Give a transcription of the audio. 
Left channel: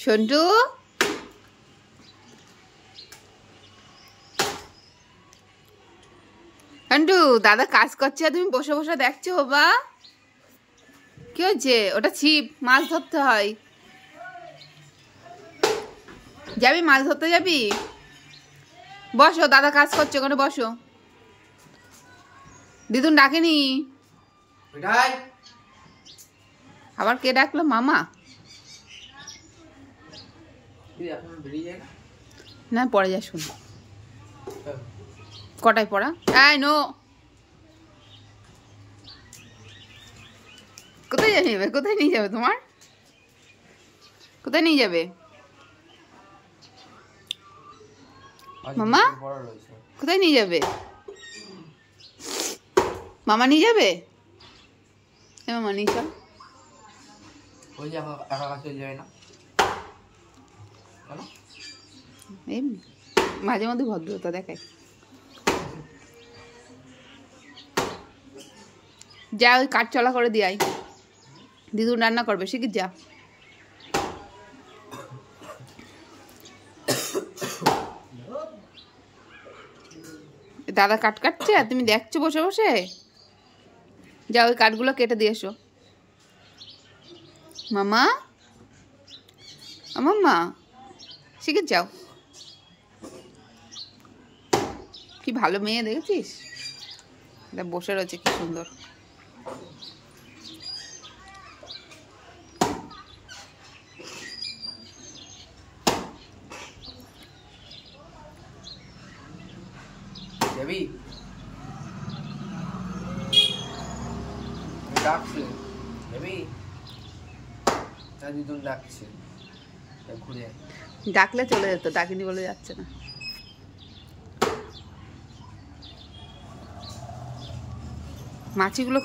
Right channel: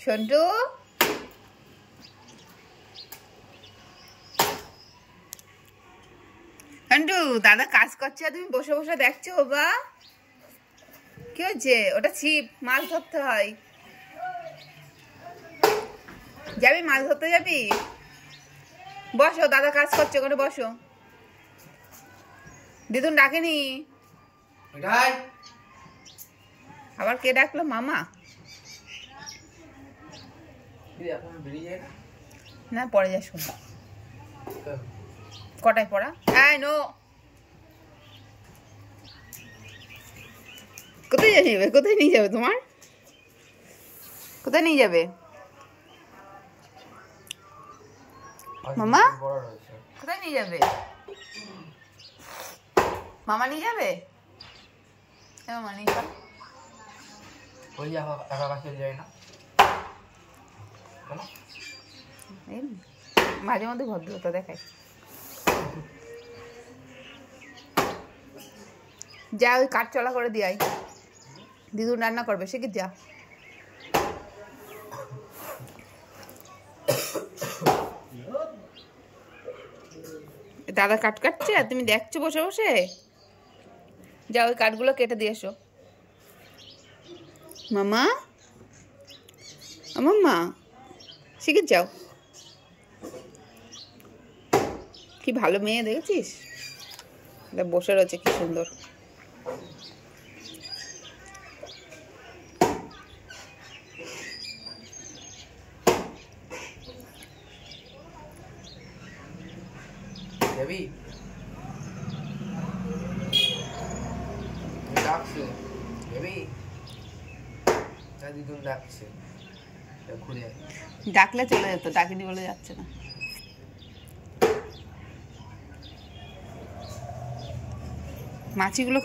সন্টু সন্টু দাদা কাজ করছে তুমি বসে বসে দেখছো বাবা কি হচ্ছে ওটা ছিপ মাছ ধরতে হয় যাবি মাছ ধরতে যাবি বসো দাদা কাজ করছে ওখানে বসো দিদুন ডাকেনি আবার কে ডাকলো মামা না পরে যা শুন কটায় পড়া নো কোথায় যাবে কোথায় নিয়ে যাবে তোমার কোথায় নিয়ে যাবে মামা কোথায় নিয়ে যাবে মামা নিয়ে যাবে মামা নিয়ে যাও মাঝে মধ্যে ভদ্রতা দেখায় যা ওই কাঠ চলা করে দিয়াই দিদুন রান্না করবে সে কি যা দাদা কাঠ কাটছে আর তুমি দেখছো বসে বসে যা ওই কাঠগুলো কেটে দিয়ে এসো মামা মাম্মা শিখে যাও কি ভালো মেয়ে দেখেছিস বসে রয়েছে কি সুন্দর ডাকলে চলে যেত ডাকিনি বলে যাচ্ছে না মাছিগুলো